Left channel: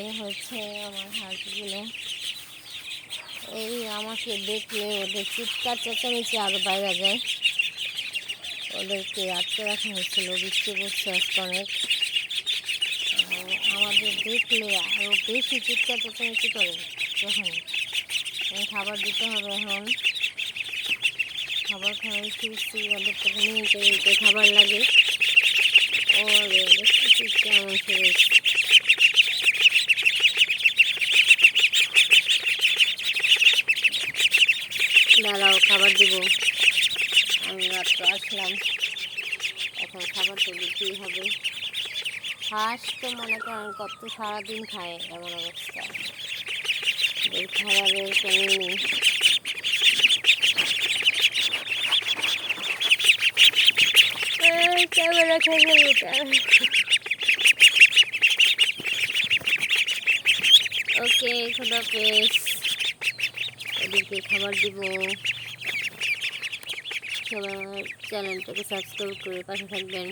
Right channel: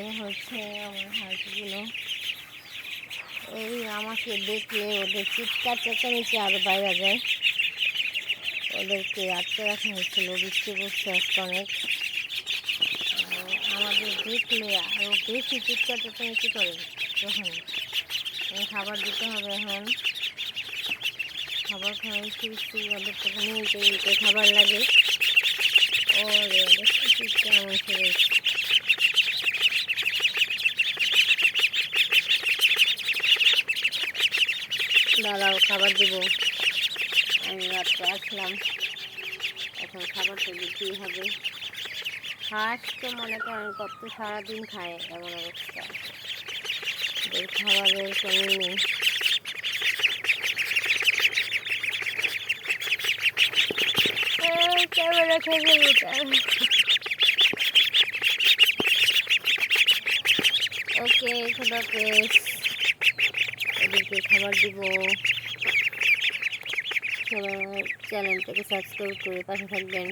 এই হচ্ছে আমার হাঁসগুলো। এই আমাকে দেখলে ওদের চিৎকার চেঁচামেচি আরও বাইরে যায়। ওদেরকে আটকে রাখা হয়েছিল, বৃষ্টি পড়ছে আজকে অনেক। আমাদের দেখলে আরও বেশি চিৎকার চেঁচামেচি করে। যখন খাবার দিতে হবে, এখন খাবার খাওয়াই ফিরছি, ওদের থেকে নিতে খাবার লাগে। ওরে দেখছি কেমন ফিরেছে। দাঁড়াও, খাবার দিব। আমি মাত্র আসলাম, এখন খাবার তো দিতেই হবে। হাঁস তো মনে করেন কত সারাদিন খায়, এমন অবস্থা, ওই খাবারের কমই নেই। ক্যামেরা খেয়ে ওকে, খোদাফেজ। ওদেরকে খাবার দিব। সবাই আমার চ্যানেলটাকে সাবস্ক্রাইব করে পাশে থাকবেন।